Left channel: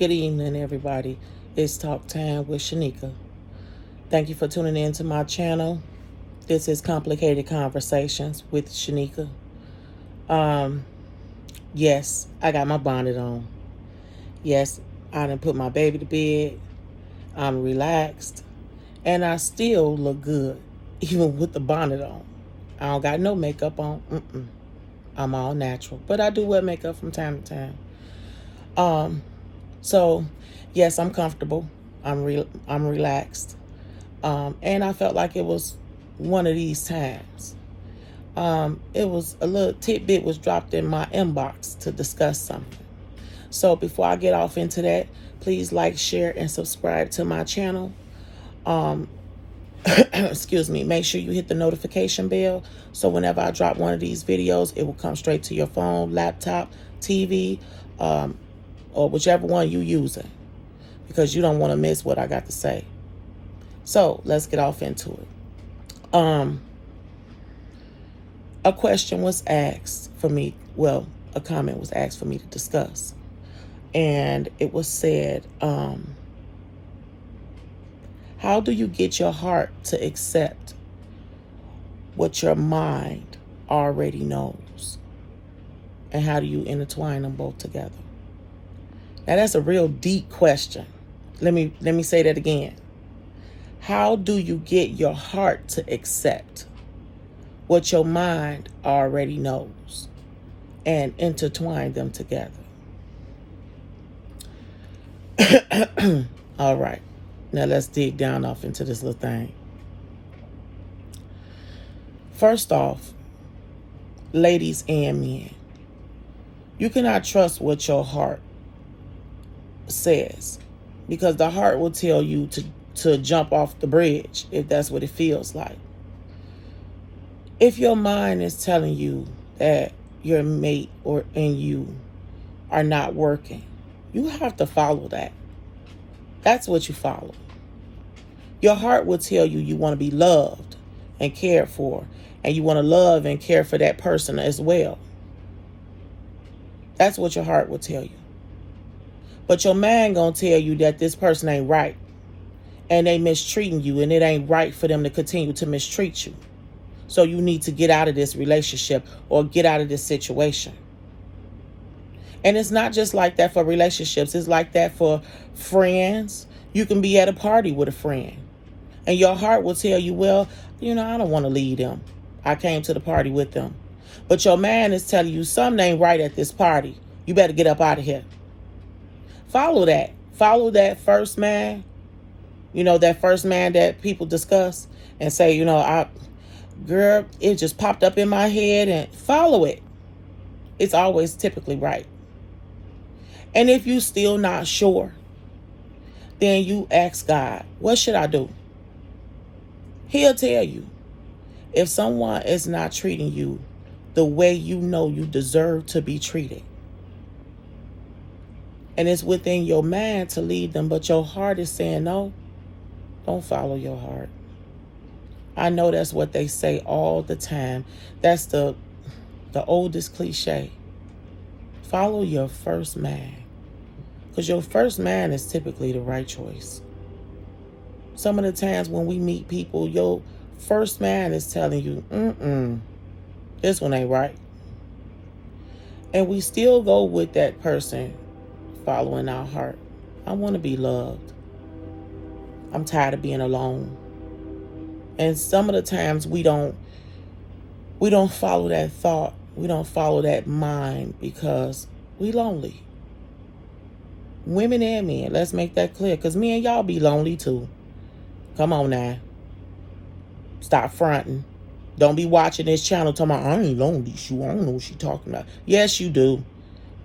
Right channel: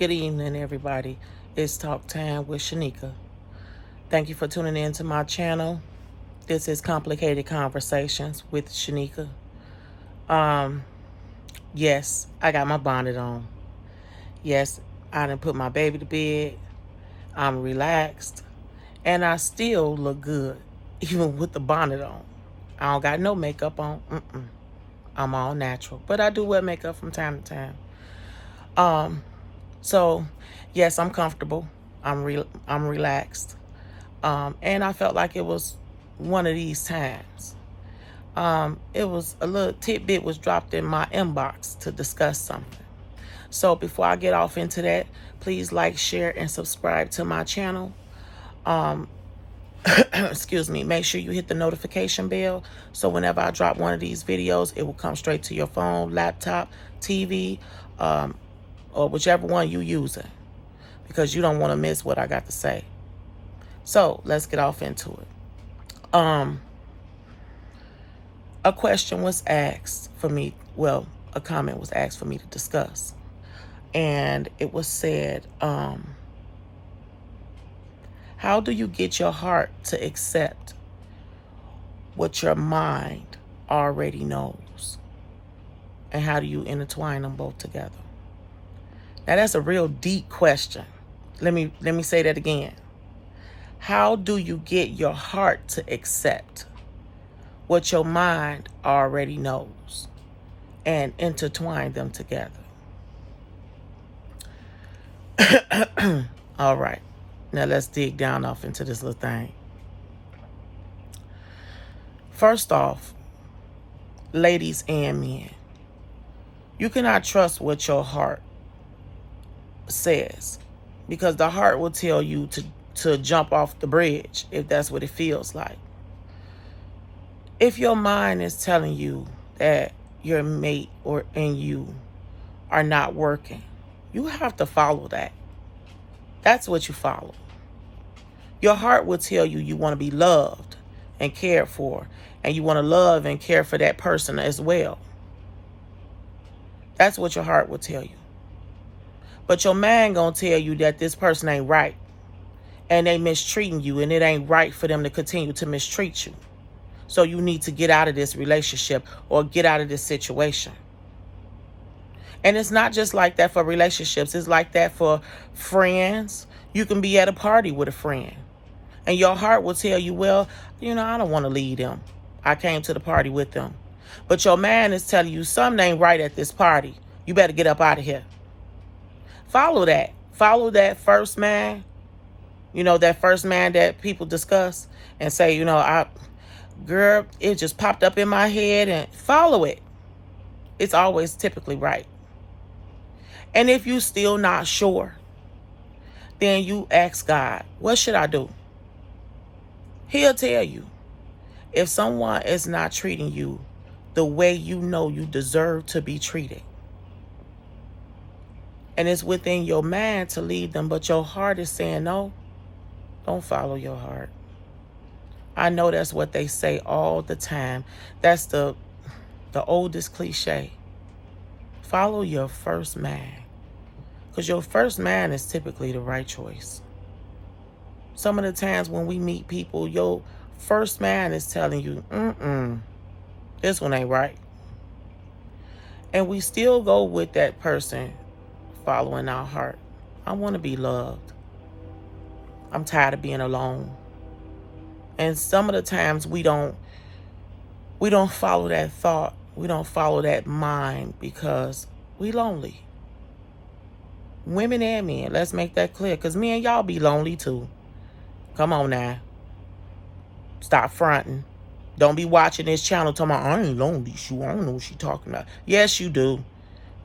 Good evening, everybody. It's Talk Time with Shanika. Thank you for tuning in to my channel. This is Complicated Conversations with Shanika. Yes, I got my bonnet on. Yes, I done put my baby to bed. I'm relaxed. And I still look good, even with the bonnet on. I don't got no makeup on. I'm all natural. But I do wear makeup from time to time. So, yes, I'm comfortable. I'm relaxed. And I felt like it was one of these times. It was a little tidbit was dropped in my inbox to discuss something. So before I get off into that, please like, share, and subscribe to my channel. Excuse me. Make sure you hit the notification bell so whenever I drop one of these videos, it will come straight to your phone, laptop, TV, or whichever one you're using, because you don't want to miss what I got to say. So let's get off into it. A question was asked for me. Well, a comment was asked for me to discuss. And it was said, how do you get your heart to accept what your mind already knows? And how do you intertwine them both together? Now, that's a real deep question. Let me say that again. How do you get your heart to accept what your mind already knows and intertwine them together? All right. Now let's dig down off into this little thing. First off, ladies and men, you cannot trust what your heart says, because the heart will tell you to jump off the bridge if that's what it feels like. If your mind is telling you that your mate and you are not working, you have to follow that. That's what you follow. Your heart will tell you you want to be loved and cared for, and you want to love and care for that person as well. That's what your heart will tell you. But your mind gonna tell you that this person ain't right, and they mistreating you, and it ain't right for them to continue to mistreat you. So you need to get out of this relationship or get out of this situation. And it's not just like that for relationships. It's like that for friends. You can be at a party with a friend, and your heart will tell you, well, I don't want to leave them. I came to the party with them. But your mind is telling you something ain't right at this party. You better get up out of here. Follow that. Follow that first man. That first man that people discuss and say, girl, it just popped up in my head, and follow it. It's always typically right. And if you still not sure, then you ask God, what should I do? He'll tell you. If someone is not treating you the way you know you deserve to be treated, and it's within your mind to leave them, but your heart is saying no, don't follow your heart. I know that's what they say all the time. That's the oldest cliche. Follow your first man. Because your first man is typically the right choice. Some of the times when we meet people, your first man is telling you, this one ain't right. And we still go with that person following our heart. I want to be loved. I'm tired of being alone. And some of the times we don't follow that thought. We don't follow that mind because we lonely. Women and men, let's make that clear, because me and y'all be lonely too. Come on now. Stop fronting. Don't be watching this channel talking about, I ain't lonely. I don't know what she talking about. Yes, you do.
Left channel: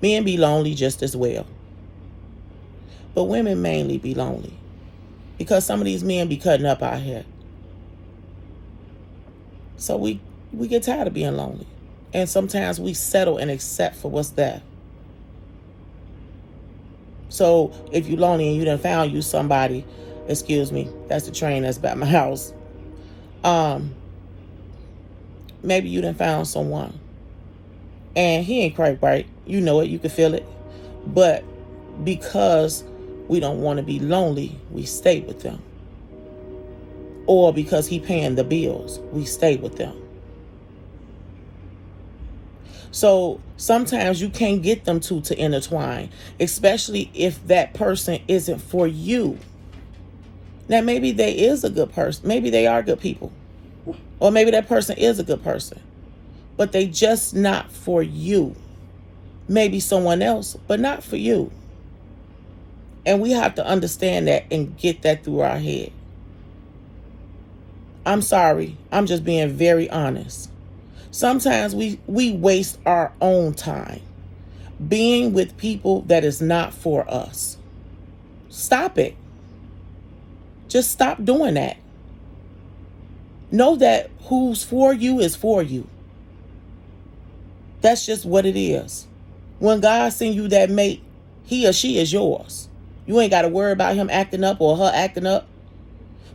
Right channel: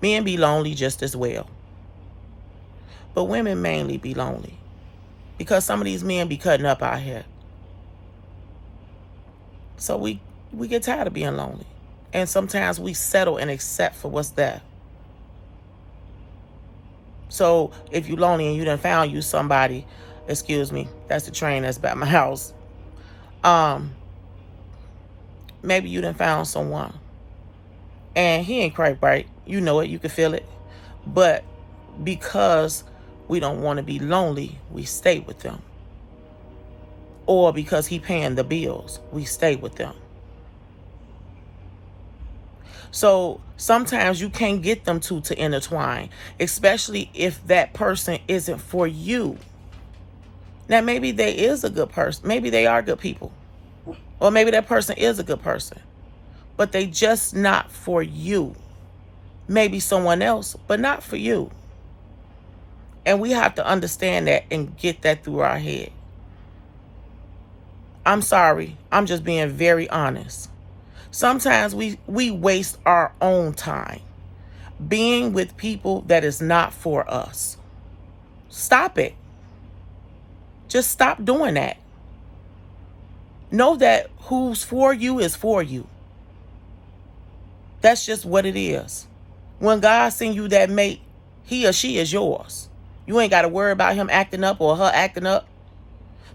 Men be lonely just as well. But women mainly be lonely because some of these men be cutting up out here. So we get tired of being lonely. And sometimes we settle and accept for what's there. So if you're lonely and you done found you somebody, excuse me, that's the train that's by my house. Maybe you done found someone and he ain't quite right. You know it, you can feel it. But because we don't want to be lonely, we stay with them. Or because he paying the bills, we stay with them. So sometimes you can't get them two to intertwine, especially if that person isn't for you. Now, maybe they is a good person. Maybe they are good people. Or maybe that person is a good person. But they just not for you. Maybe someone else, but not for you. And we have to understand that and get that through our head. I'm sorry. I'm just being very honest. Sometimes we waste our own time being with people that is not for us. Stop it. Just stop doing that. Know that who's for you is for you. That's just what it is. When God sends you that mate, he or she is yours. You ain't got to worry about him acting up or her acting up.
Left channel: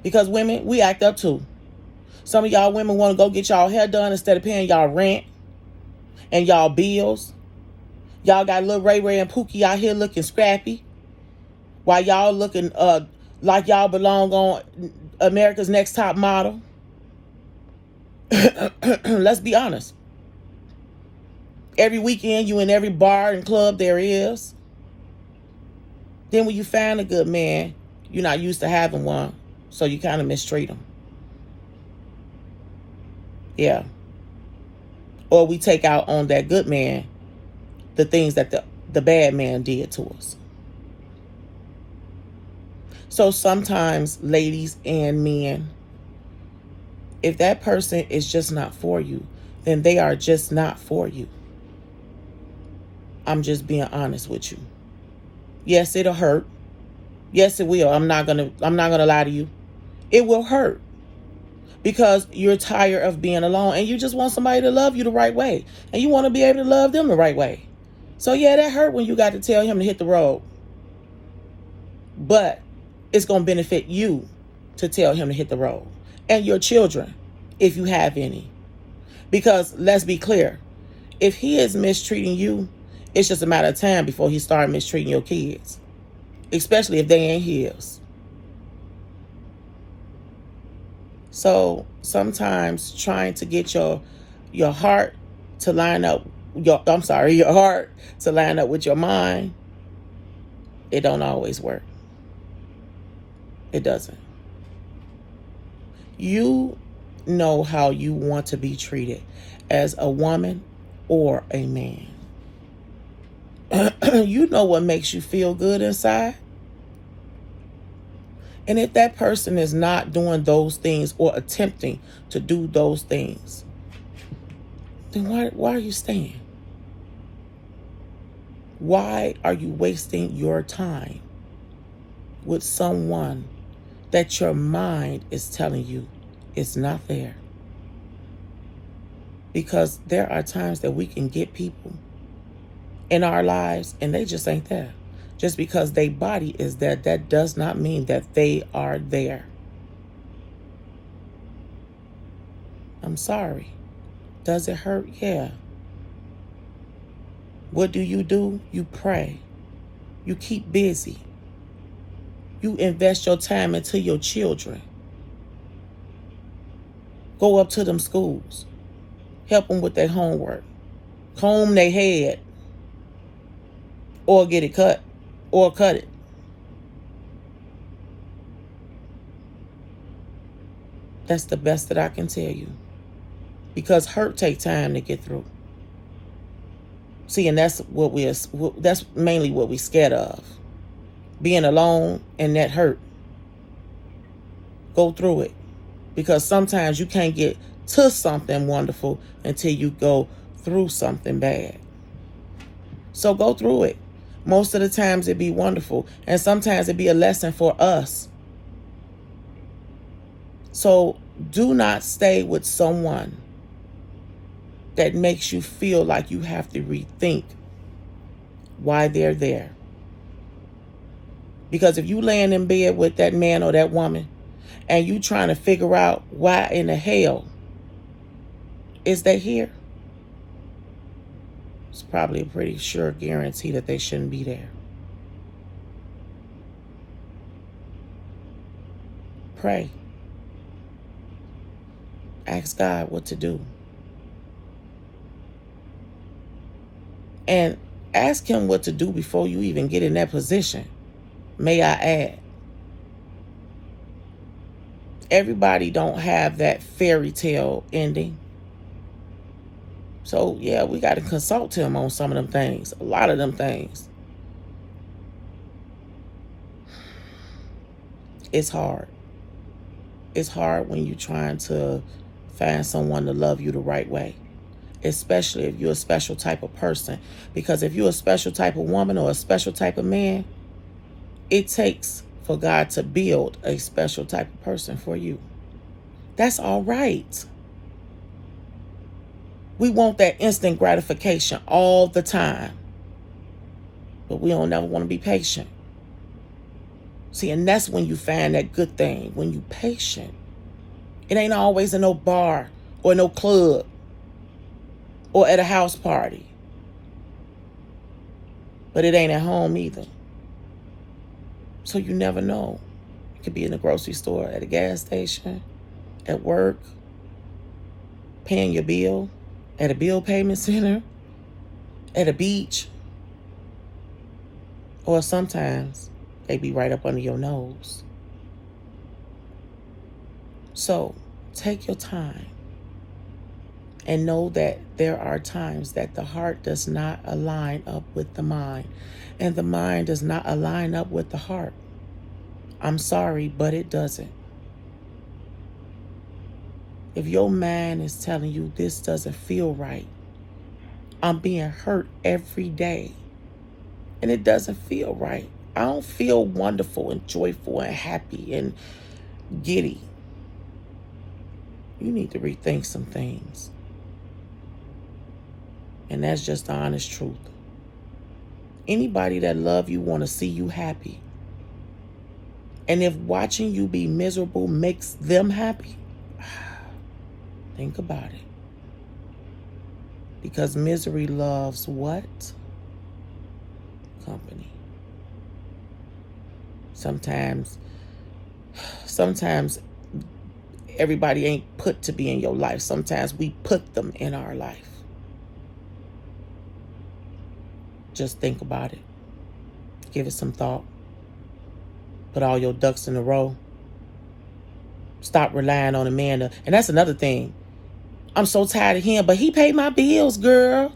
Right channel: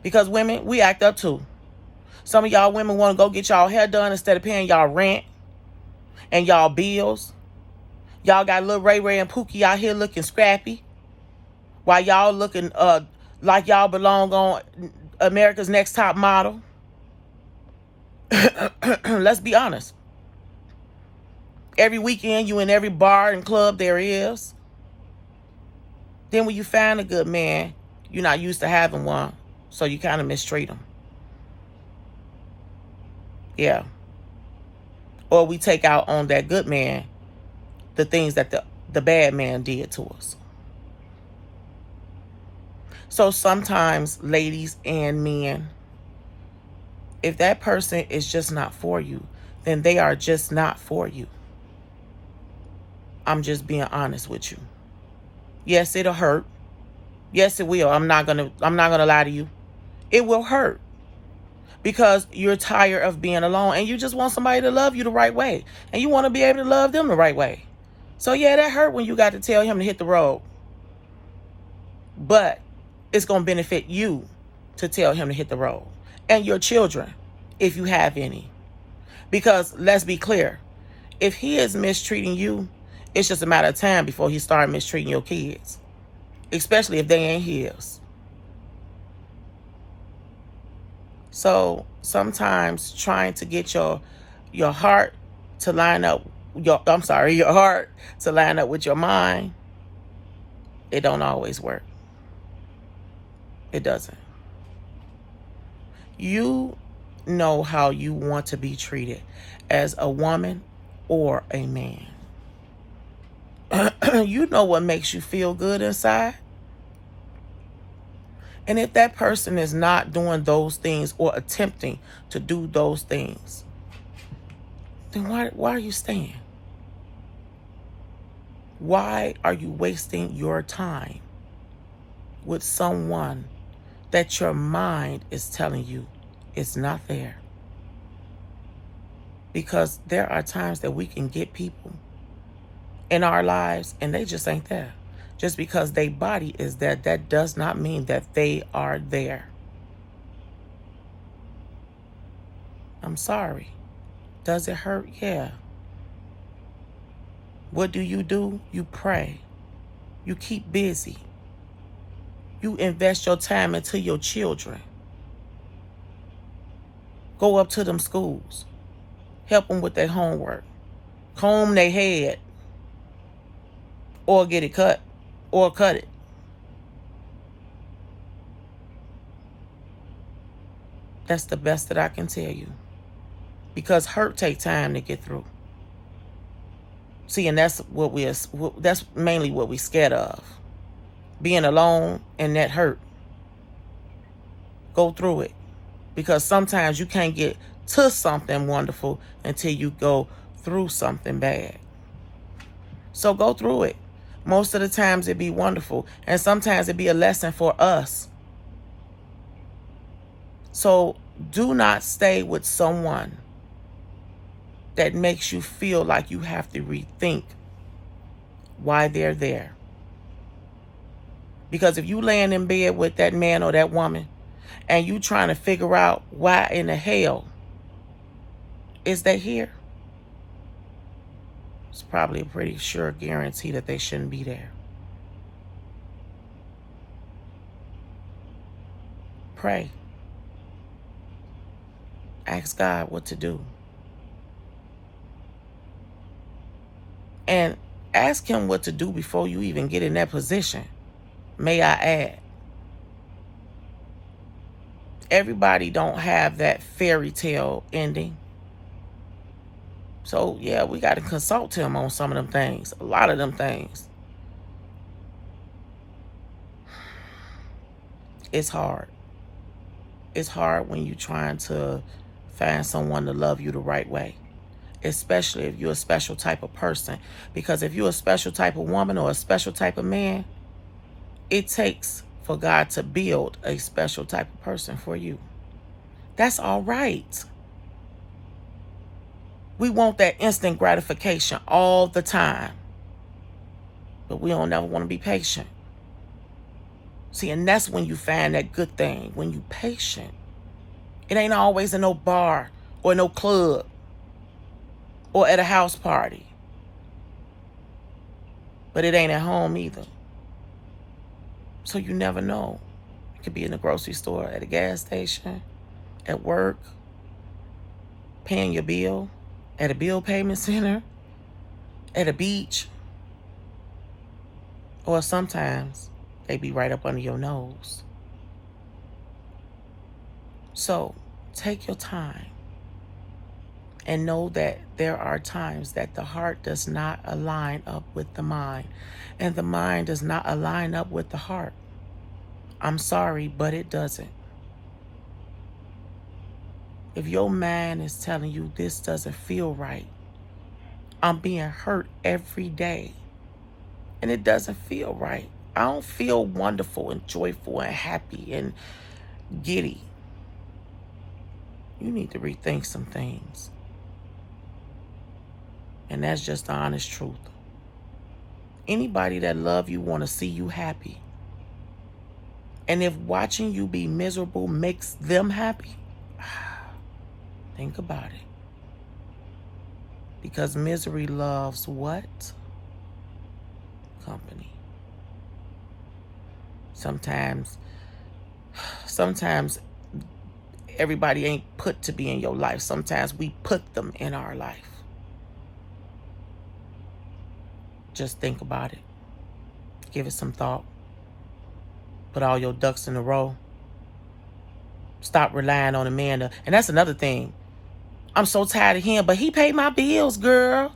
Because women, we act up too. Some of y'all women want to go get y'all hair done instead of paying y'all rent and y'all bills. Y'all got little Ray Ray and Pookie out here looking scrappy while y'all looking like y'all belong on America's Next Top Model. Let's be honest. Every weekend you in every bar and club there is. Then when you find a good man, you're not used to having one, so you kind of mistreat him. Yeah. Or we take out on that good man the things that the bad man did to us. So sometimes, ladies and men, if that person is just not for you, then they are just not for you. I'm just being honest with you. Yes, it'll hurt. Yes, it will. I'm not gonna lie to you. It will hurt. Because you're tired of being alone and you just want somebody to love you the right way. And you want to be able to love them the right way. So yeah, that hurt when you got to tell him to hit the road. But it's going to benefit you to tell him to hit the road. And your children, if you have any. Because let's be clear. If he is mistreating you, it's just a matter of time before he starts mistreating your kids. Especially if they ain't his. So sometimes trying to get your heart to line up, your heart to line up with your mind, it don't always work. It doesn't. You know how you want to be treated as a woman or a man. You know what makes you feel good inside. And if that person is not doing those things or attempting to do those things, then why are you staying? Why are you wasting your time with someone that your mind is telling you is not there? Because there are times that we can get people in our lives and they just ain't there. Just because their body is there, that does not mean that they are there. I'm sorry. Does it hurt? Yeah. What do? You pray. You keep busy. You invest your time into your children. Go up to them schools. Help them with their homework. Comb their head. Or get it cut. Or cut it. That's the best that I can tell you. Because hurt takes time to get through. See, and that's mainly what we're scared of. Being alone and that hurt. Go through it. Because sometimes you can't get to something wonderful until you go through something bad. So go through it. Most of the times it be wonderful. And sometimes it be a lesson for us. So do not stay with someone that makes you feel like you have to rethink why they're there. Because if you laying in bed with that man or that woman and you trying to figure out why in the hell is they here, it's probably a pretty sure guarantee that they shouldn't be there. pray. Ask God what to do. And ask him what to do before you even get in that position. May I add. Everybody don't have that fairy tale ending. So, yeah, we got to consult him on some of them things. A lot of them things. It's hard. It's hard when you're trying to find someone to love you the right way. Especially if you're a special type of person. Because if you're a special type of woman or a special type of man, it takes for God to build a special type of person for you. That's all right. We want that instant gratification all the time. But we don't never want to be patient. See, and that's when you find that good thing, when you patient. It ain't always in no bar or no club or at a house party. But it ain't at home either. So you never know. It could be in the grocery store, at a gas station, at work, paying your bill, at a bill payment center, at a beach. Or sometimes they be right up under your nose. So take your time and know that there are times that the heart does not align up with the mind, and the mind does not align up with the heart. I'm sorry, but it doesn't. If your mind is telling you this doesn't feel right, I'm being hurt every day, and it doesn't feel right. I don't feel wonderful and joyful and happy and giddy. You need to rethink some things. And that's just the honest truth. Anybody that love you want to see you happy. And if watching you be miserable makes them happy, think about it. Because misery loves what? Company. Sometimes everybody ain't put to be in your life. Sometimes we put them in our life. Just think about it. Give it some thought. Put all your ducks in a row. Stop relying on a man. And that's another thing. I'm so tired of him, but he paid my bills, girl.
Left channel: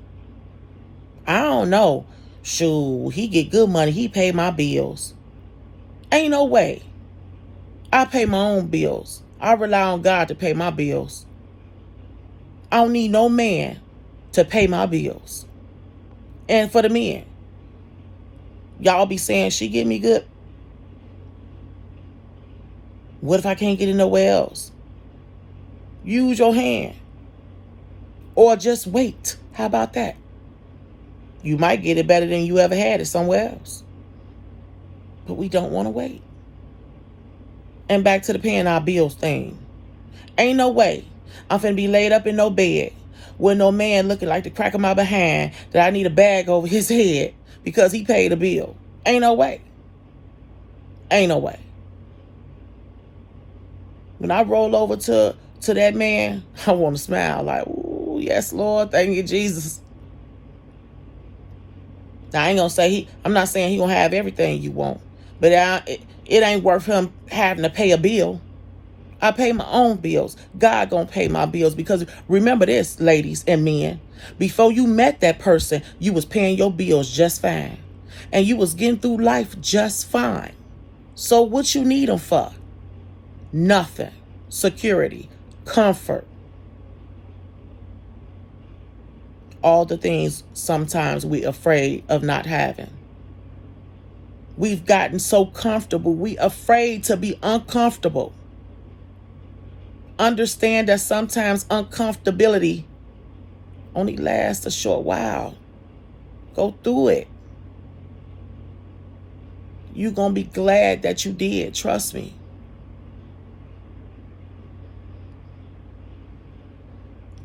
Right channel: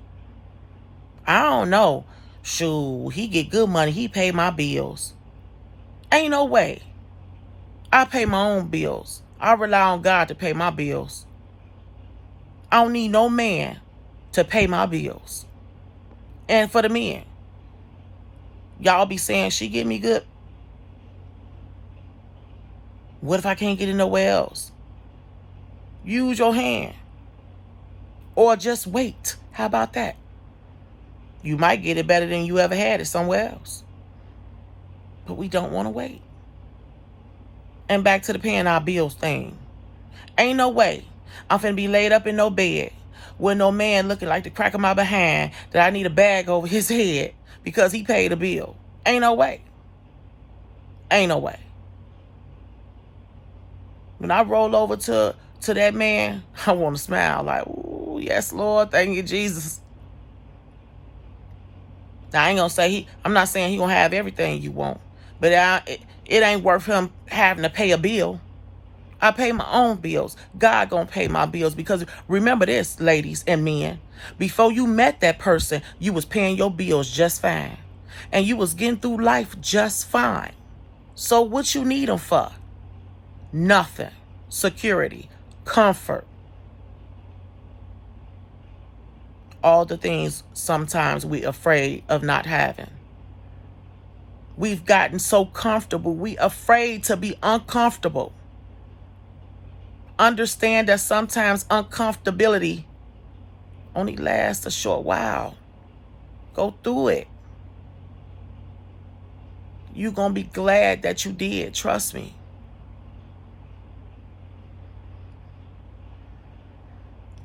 I don't know. Shoot, he get good money. He paid my bills. Ain't no way. I pay my own bills. I rely on God to pay my bills. I don't need no man to pay my bills. And for the men, y'all be saying she get me good. What if I can't get it nowhere else? Use your hand. Or just wait. How about that? You might get it better than you ever had it somewhere else. But we don't want to wait. And back to the paying our bills thing. Ain't no way I'm finna be laid up in no bed with no man looking like the crack of my behind that I need a bag over his head because he paid a bill. Ain't no way. Ain't no way. When I roll over to that man, I want to smile like, ooh, yes, Lord, thank you, Jesus. Now, I ain't gonna say I'm not saying he gonna have everything you want, but it ain't worth him having to pay a bill. I pay my own bills. God gonna pay my bills, because remember this, ladies and men, before you met that person, you was paying your bills just fine, and you was getting through life just fine. So what you need them for? Nothing. Security, comfort, all the things sometimes we're afraid of not having. We've gotten so comfortable, we afraid to be uncomfortable. Understand that sometimes uncomfortability only lasts a short while. Go through it. You're going to be glad that you did. Trust me.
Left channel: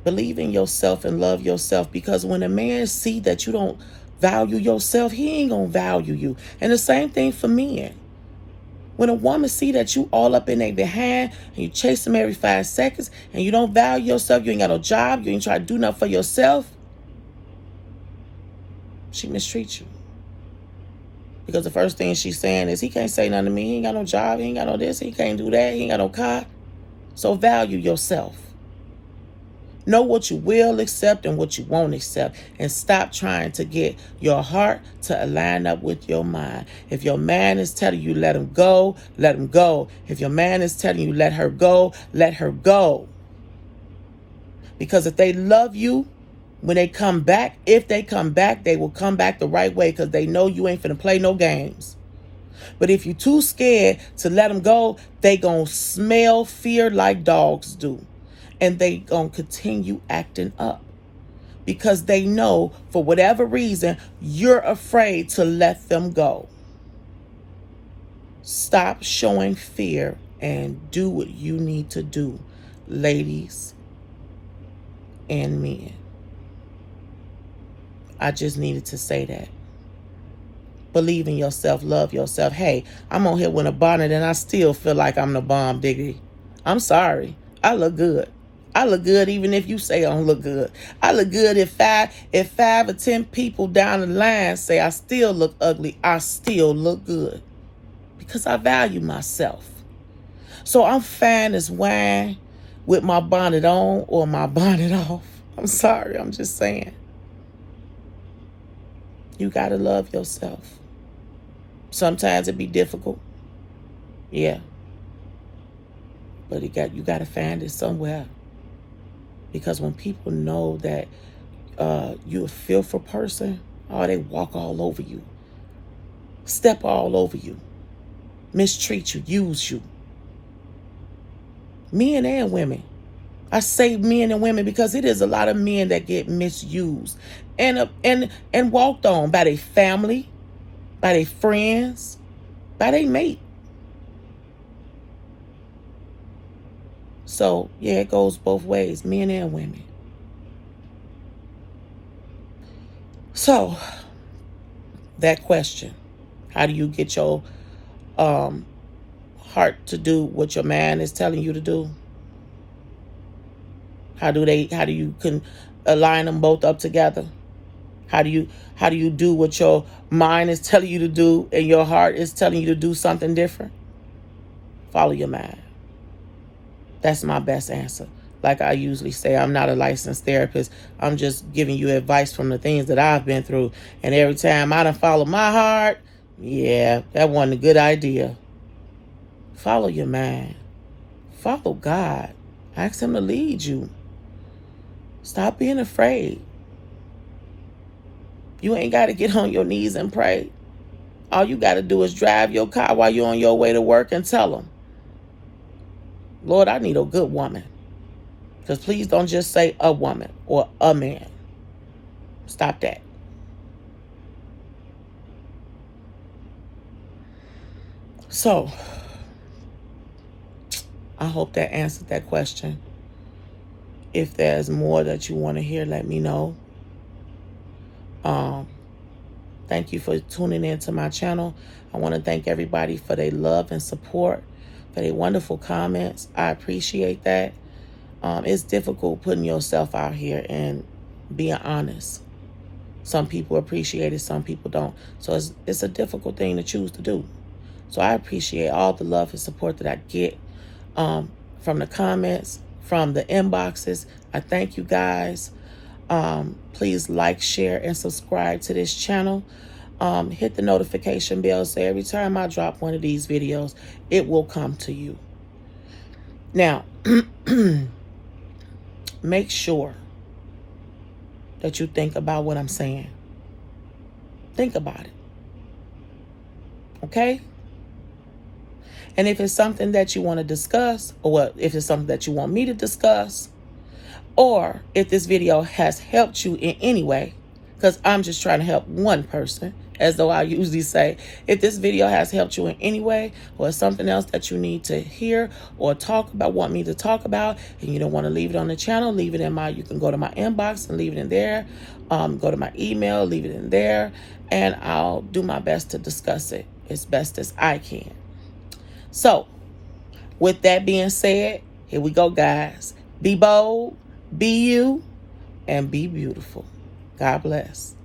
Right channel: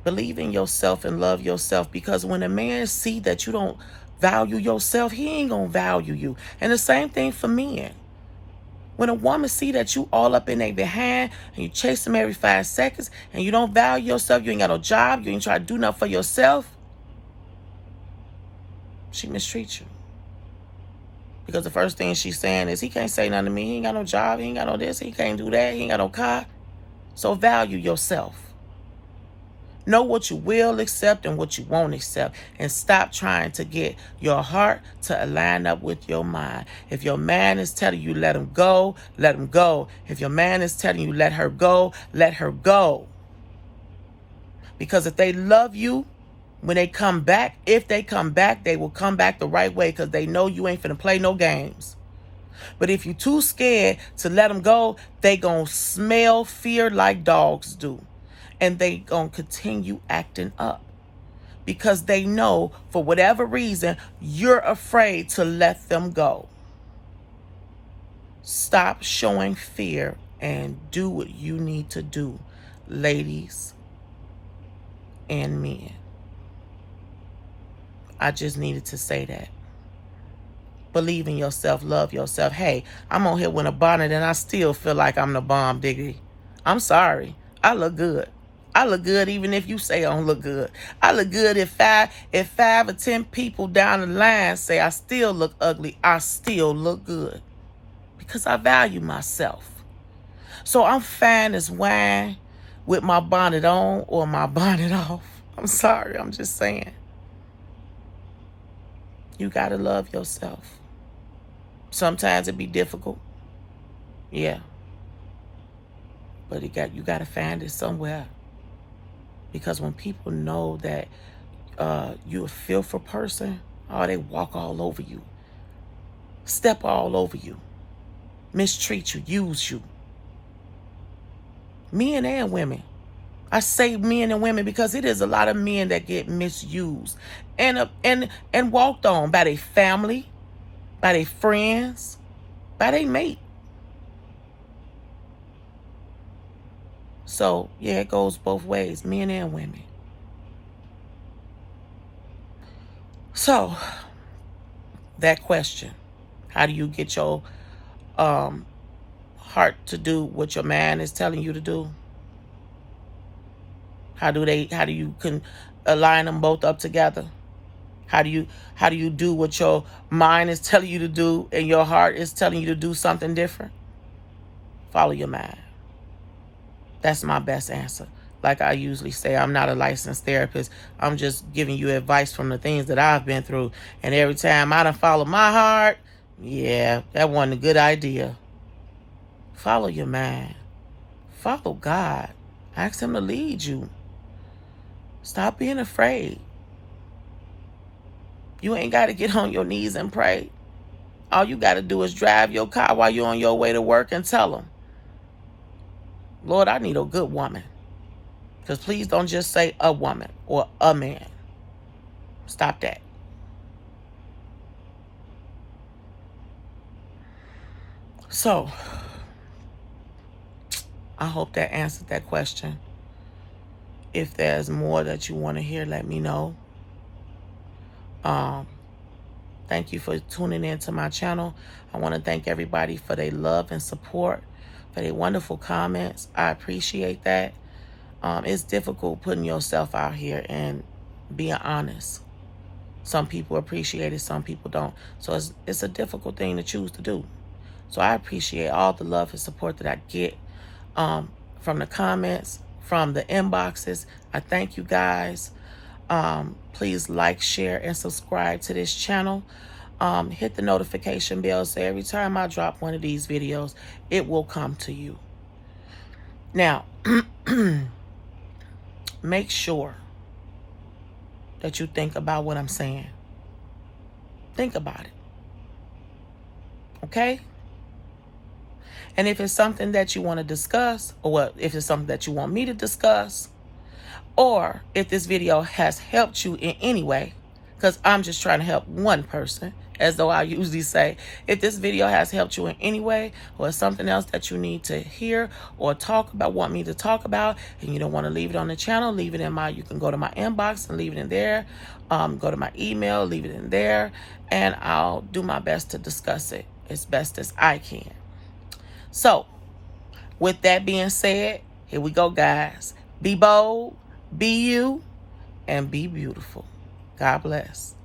Believe in yourself and love yourself, because when a man see that you don't value yourself, he ain't going to value you. And the same thing for men. When a woman see that you all up in their behind and you chase them every 5 seconds and you don't value yourself, you ain't got no job, you ain't try to do nothing for yourself, she mistreats you. Because the first thing she's saying is, he can't say nothing to me. He ain't got no job. He ain't got no this. He can't do that. He ain't got no car. So value yourself. Know what you will accept and what you won't accept. And stop trying to get your heart to align up with your mind. If your man is telling you let him go, let him go. If your man is telling you let her go, let her go. Because if they love you, when they come back, if they come back, they will come back the right way because they know you ain't finna play no games. But if you're too scared to let them go, they gonna smell fear like dogs do. And they gonna continue acting up because they know for whatever reason, you're afraid to let them go. Stop showing fear and do what you need to do, ladies and men. I just needed to say that. Believe in yourself. Love yourself. Hey, I'm on here with a bonnet and I still feel like I'm the bomb diggity. I'm sorry. I look good. I look good even if you say I don't look good. I look good if five or 10 people down the line say I still look ugly. I still look good because I value myself. So I'm fine as wine with my bonnet on or my bonnet off. I'm sorry. I'm just saying. You got to love yourself. Sometimes it be difficult. Yeah. But you got to find it somewhere. Because when people know that you're a fearful person, oh, they walk all over you. Step all over you. Mistreat you. Use you. Men and women. I say men and women because it is a lot of men that get misused and walked on by their family, by their friends, by their mate. So, yeah, it goes both ways, men and women. So, that question, how do you get your heart to do what your man is telling you to do? How do you align them both up together? How do you do what your mind is telling you to do and your heart is telling you to do something different? Follow your mind. That's my best answer. Like I usually say, I'm not a licensed therapist. I'm just giving you advice from the things that I've been through. And every time I done follow my heart, yeah, that wasn't a good idea. Follow your mind. Follow God. Ask him to lead you. Stop being afraid. You ain't got to get on your knees and pray. All you got to do is drive your car while you're on your way to work and tell him, Lord, I need a good woman. Because please don't just say a woman or a man. Stop that. So, I hope that answered that question. If there's more that you want to hear, let me know. Thank you for tuning in to my channel. I want to thank everybody for their love and support, for their wonderful comments. I appreciate that. It's difficult putting yourself out here and being honest. Some people appreciate it, some people don't. So it's a difficult thing to choose to do. So I appreciate all the love and support that I get from the comments, from the inboxes. I thank you guys. Please like, share, and subscribe to this channel. Hit the notification bell so every time I drop one of these videos, it will come to you. Now, make sure that you think about what I'm saying. Think about it. Okay? And if it's something that you want to discuss, or if it's something that you want me to discuss, or if this video has helped you in any way, because I'm just trying to help one person, as though I usually say, if this video has helped you in any way, or something else that you need to hear or talk about, want me to talk about, and you don't want to leave it on the channel, leave it in you can go to my inbox and leave it in there. Go to my email, leave it in there, and I'll do my best to discuss it as best as I can. So, with that being said, here we go, guys. Be bold, be you, and be beautiful. God bless.